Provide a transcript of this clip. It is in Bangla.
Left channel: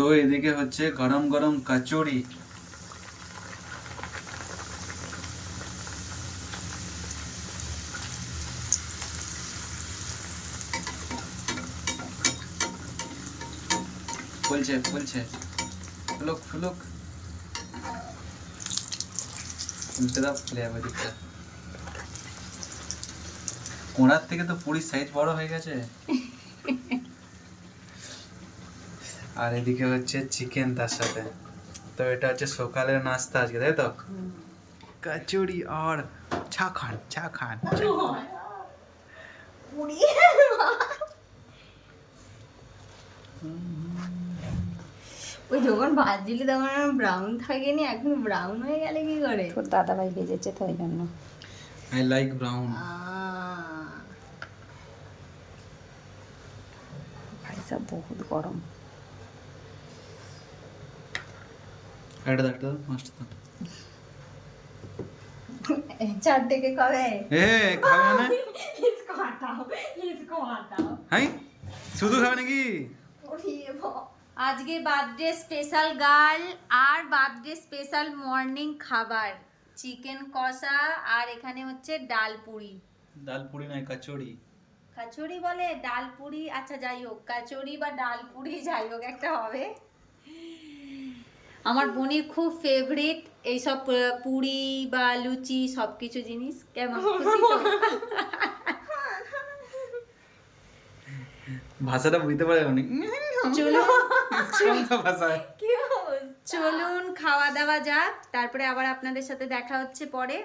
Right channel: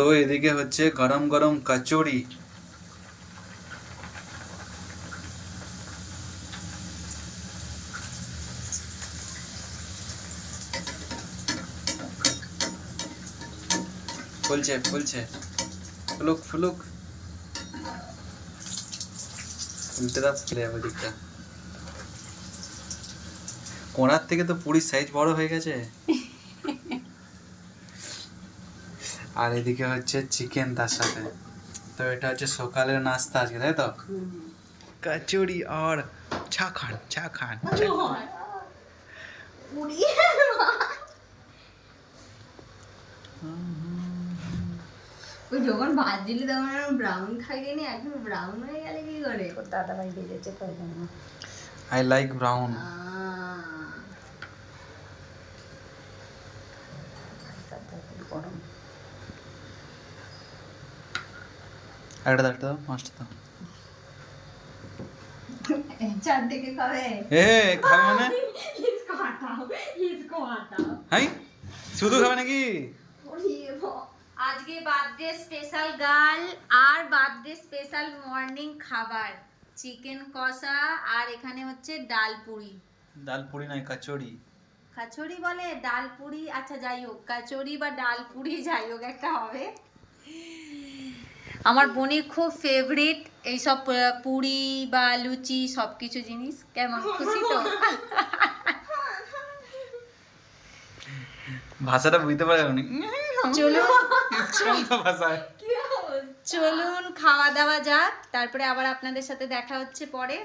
তো এদিকে হচ্ছে গরম গরম কচুরি। ফুলছে ফুলছে, ফুলুক ফুলুক, ফুলতে দাও, ফুলে যাবে দিকটা। কোণার থেকে তো পুরীর সাইজ বড় হয়ে গেছে। আর এদিকে হচ্ছে চিকেন তার সাথে। তো এটা হচ্ছে সকালের নাস্তা আজকে, তাই তো? কচুরি আর চা খান, চা খান। ওই যখন ভাজলি তখন ব্রাউন থাকেনি, এখন ব্রাউন হয়ে গেলে কি করে? তোর দাদা ভাই ভেজেছে তো ওই জন্য। I like brown. সব বহুত গরম। একটা দাও, পাঁচটা দাও। চারটে কে খাবে? এ খাবে মানে? इसको हटाओ, इसको हटाओ। হাই, শুধু খাবে নাকি? আজকে বার্থডে স্পেশাল গার্ল আর বার্থডে স্পেশাল মর্নিং খাবার চিকেন কষা, আর এখানে হচ্ছে ডাল পুরি। ডাল পুরি নয়, কচুরি। কচুরি বলে, ডাল পুরি, আচ্ছা যাই হোক, কচুরি বা ডাল পুরি যাই হোক একটা হবে। আমার বোনের খুব ফেভারিট এইসব পুরি বা লুচি সব কিছু জিনিস। কেমন খুশি তো? ভাষাটা বুঝতে পারে উনি। চলুন ভাষায় চলুন খাওয়া দাওয়া যাক, তারপরে আবার আপনাদের সাথে দেখা হচ্ছে পরে।